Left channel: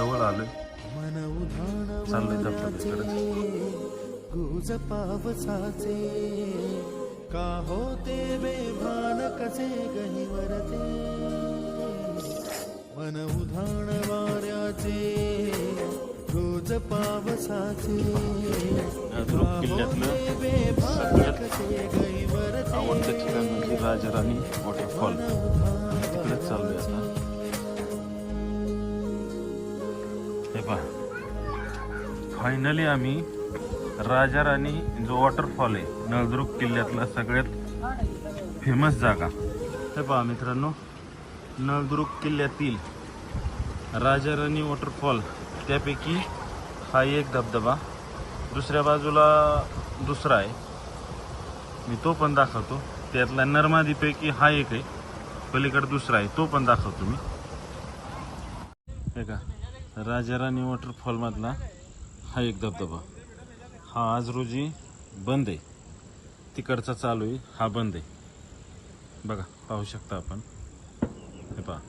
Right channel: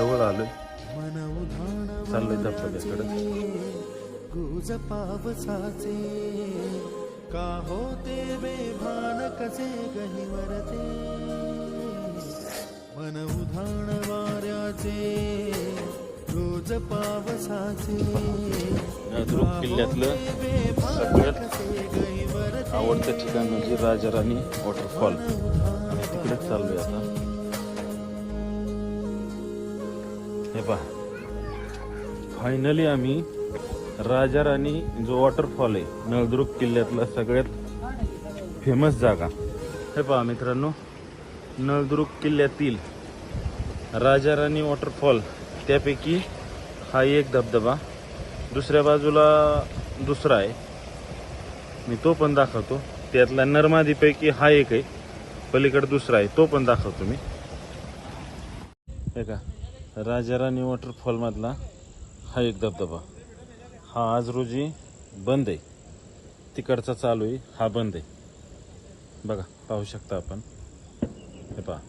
जवळ आलो. मन उधाण वाऱ्याचे गुज पावसाचे का होते बेभान कसे गहिवरते. मन उधाण वाऱ्याचे गुज पावसाचे का होते बेभान कसे गहिवरते. मन उधाण वाऱ्याचे. फायनली आम्ही राजा राणी जो वॉटरफॉल आहे नळदुर्ग किल्ल्यातला सगळ्यात फेमस जागा. हे पहा मित्रांनो, नळदुर्ग किल्ल्यातील राजा राणी वॉटरफॉल त्यापैकी हा एक धबधबा, दुसऱ्या बाजूला दुसरा आहे, मी तो पण दाखवतो. त्यातला नर्मदीपैकी हा एक आहे, पलीकडे दुसरा आहे, तो पण दाखवतो मी. हे का राजा राणी वॉटरफॉल मधला हा एक धबधबा, हा आज रोजी बंद आहे, तिकडचा चालू आहे, हा बंद आहे. बघा, पाहू शकता आपण. हे पहा,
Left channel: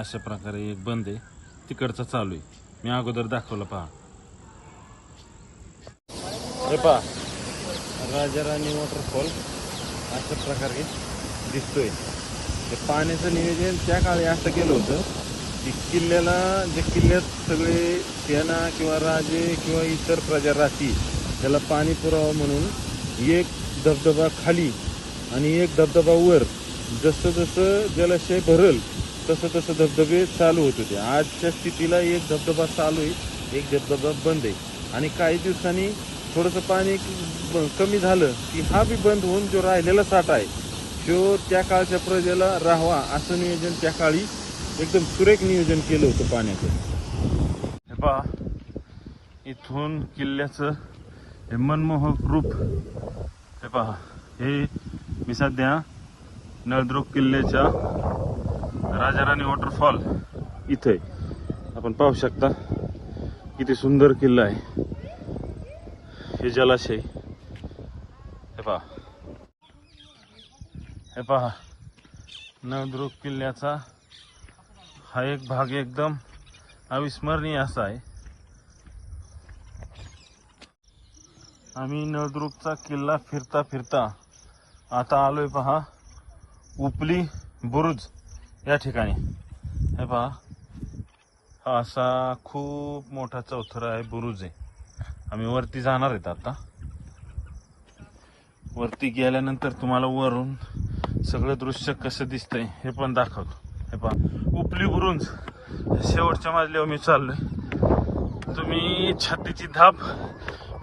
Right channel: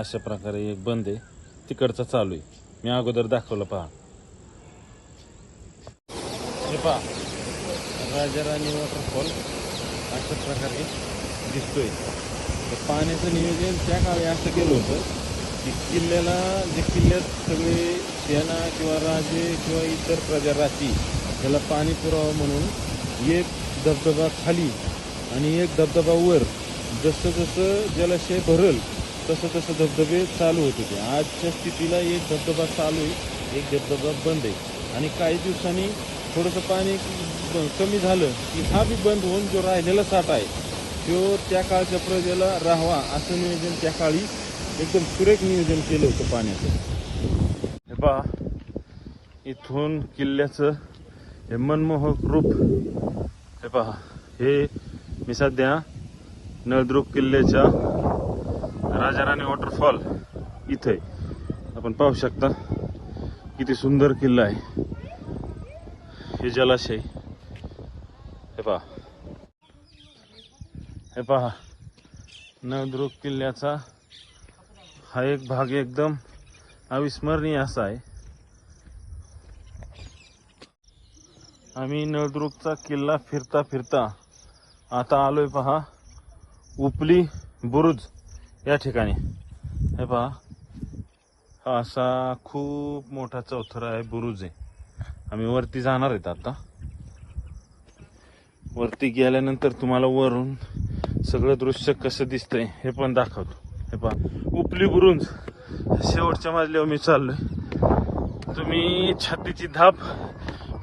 अशा प्रकारे एक बंद आहे, तिकडचा चालू आहे. मी अगोदर दाखवलं. पहा, हे पहा राजा राणी वॉटरफॉल अशा प्रकारे दिसतोय. पाण्याचं नियोजन त्या काळी असं केलं होतं की किल्ल्याला, जे किल्ल्यात सगळे सेना किंवा राजे किंवा इतर प्रजाराशी त्याला पाणी पुरावं म्हणून एक धबधबा खाली आणि एक धबधबा वर, जसं जसं जलाशय भरल तसं तसं धबधबे चालू होते. ते आजच्या स्थितीला एक धबधबा चालू आहे, एक धबधबा बंद आहे. आणि काही दिवसांनी थोडंसं पाणी कमी झालं की हा बी बंद होऊन जो राहिलेला साठा आहे तो त्या काळच्या प्रजेला राहावा असं नियोजन त्या काळी एकदम सुरेख नियोजन केलं होतं पाण्याचं. पहा, इथून किल्ल्याचं हे मनमोहक रूप. हे पहा, हे मी सध्या नळदुर्ग किल्ल्याच्या राजा राणी वॉटरफॉल इथं आपण पाहू शकता. किती सुंदर किल्ला आहे, हे जलाशय. हे पहा, हे पहा नळदुर्ग किल्ल्याचा हा एक भाग एकदम अविस्मरणीय असा आहे. आम्ही नळदुर्गचा किल्ला फिरता फिरता आता आलोय पहा उपली बुरुज या ठिकाणी. हे पहा, असा खूप मोठा चौथरा आहे, बुरुज आहे. आम्ही वरती जाणार आहेत. आता वरती गेल्यानंतर तुम्हाला वरून सगळं दृश्य कसं दिसतंय हे पण दाखवतो. हे पहा, उपली बुरुज शेवटच्या मजल्यावर मी चाललोय. तुम्ही छातीची धाप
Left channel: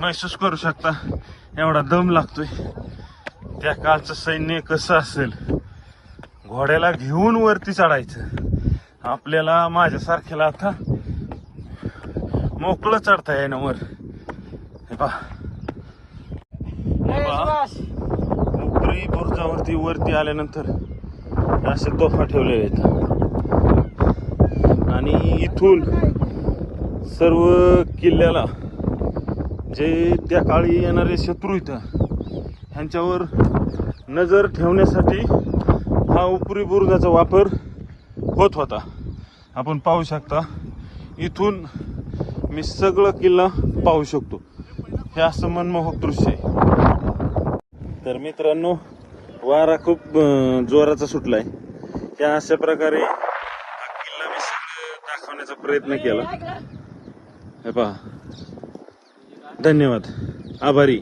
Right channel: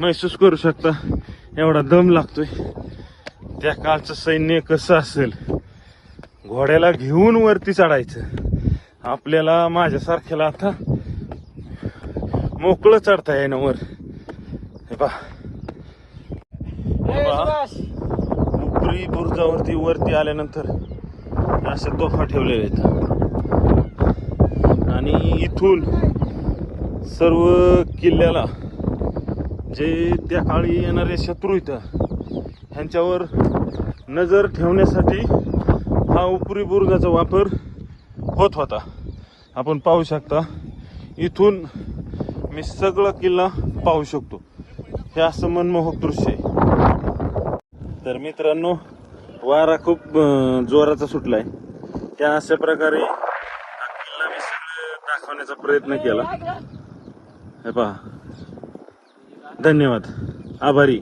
महसूस करू शकता, एवढा दम लागतोय. त्या काळचं सैन्य कसं असेल, घोड्याला घेऊन वरती चढायचं. आपल्याला माझ्यासारख्याला आता मोकळं चढता येणं वर. हे पहा, उपली बुरुजावरती वरती आल्यानंतर अशा तोफा ठेवलेल्या आहेत. आणि इथून सर्व किल्ल्याला जे त्या काळी येणारे शत्रू होते त्यांच्यावर नजर ठेवण्यासाठी हा उपरी बुरुजाचा वापर होत होता. आपण पाहू शकता, इथून मी सगळा किल्ला पाहू शकतो. हे असं मनमोहक दृश्य. तर मित्रांनो, वारा खूप जोराचा सुटलाय. त्या अशा प्रकारे हा किल्ला मी सगळं दाखवण्याचा प्रयत्न केला. हे पहा, धन्यवाद, आभारी.